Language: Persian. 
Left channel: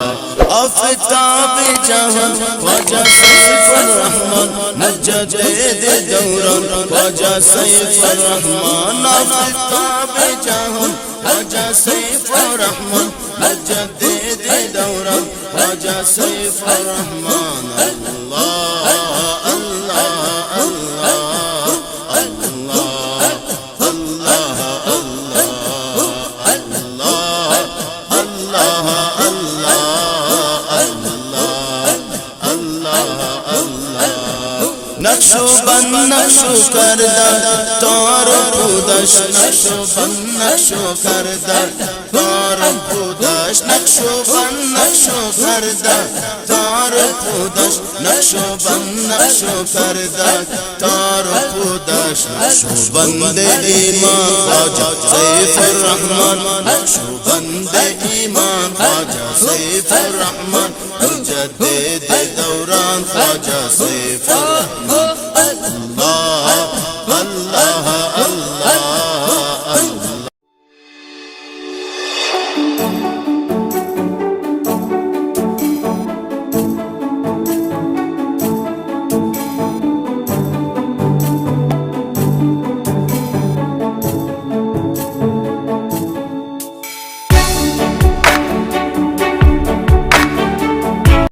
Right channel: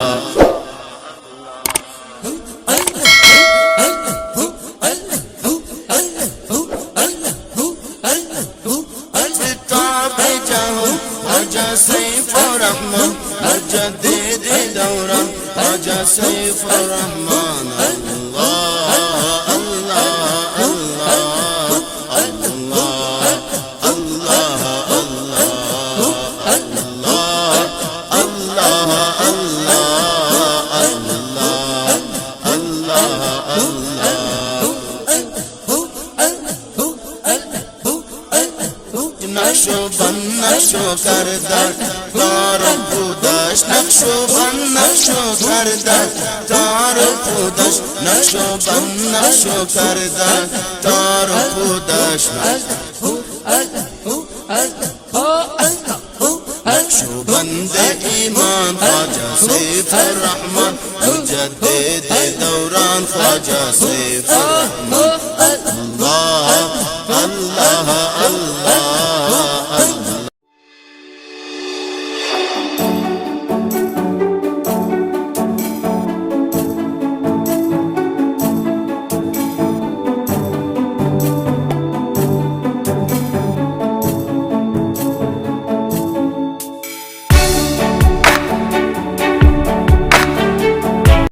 آفتاب جهان خواجہ سیف الرحمن مجدد دوران خواجہ سیف الرحمن آفتاب جهان خواجہ سیف الرحمن مجدد دوران خواجہ سیف الرحمن نقشبند نشو کردن تار بودش نقشبند نشو کردن تار بودش نقشبند نشو کردن تار بودش نقشبند نشو کردن تار بودش نقشبند ایمان خواجہ سیف الرحمن نقشبند ایمان خواجہ سیف الرحمن مجدد دوران خواجہ سیف الرحمن